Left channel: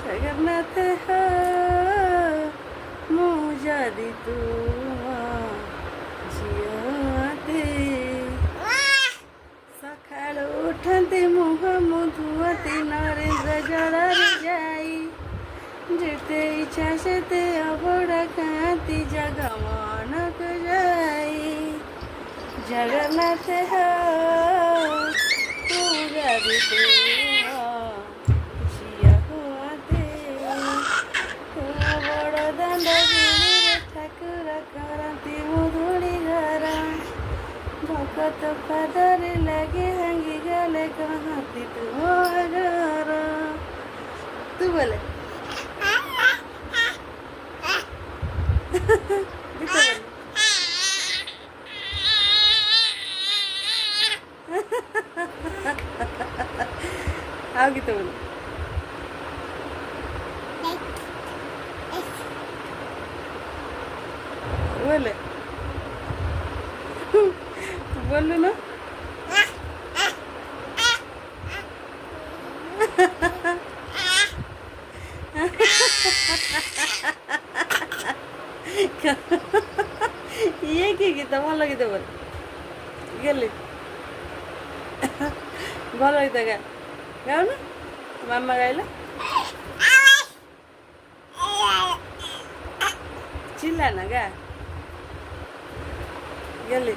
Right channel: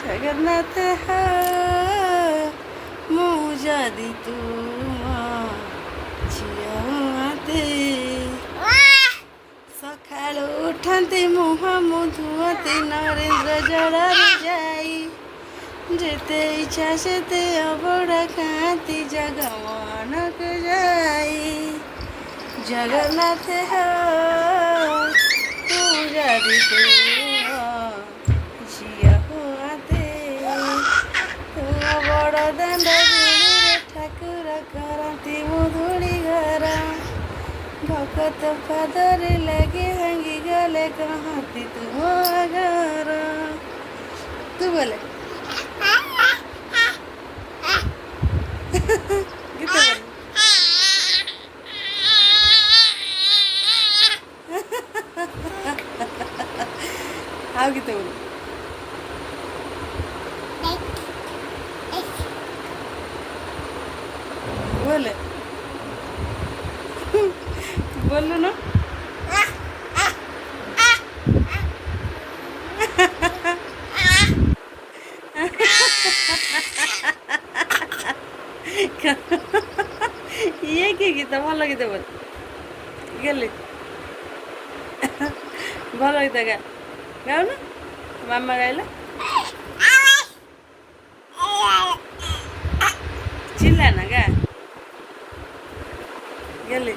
जगन्नाथ हो ମୁଁ ଯଦି ତୁମ ଝିଅ ହୁଅନ୍ତି ସକାଳୁ ଉଠନ୍ତି ମୁହଁ ମୁଁ ଧୁଅନ୍ତି ନରେନ୍ଦ୍ର ଜଳରେ ଯାଇ ଯେତେ ଇଚ୍ଛା ସେତେ ଅବଢ଼ା ଖାଆନ୍ତି ଜଗମୋହନକୁ ଯାଇ ଜଗନ୍ନାଥ ହୋ ମୁଁ ଯଦି ତୁମ ଝିଅ ହୁଅନ୍ତି ତୁମ ବଡ଼ ଦାଣ୍ଡ ଗୁଳିରେ ଠାକୁର କରନ୍ତି ମୁଧୁଳି ଘର ଭକତ ପାଦରେ ଲାଗି ଭାଙ୍ଗି ଗଲେ କହନ୍ତି ତୁମ ଘର ତୁ ବୋଲେ ଗୀତ ବୋଲେ ଆଉ ଗୀତ ବୋଲେ बोले बोलो ना ये की गीत भल गीत बोल गले भल गीत गा गाओ ना मामा गाइला चिल्ला ना गा गले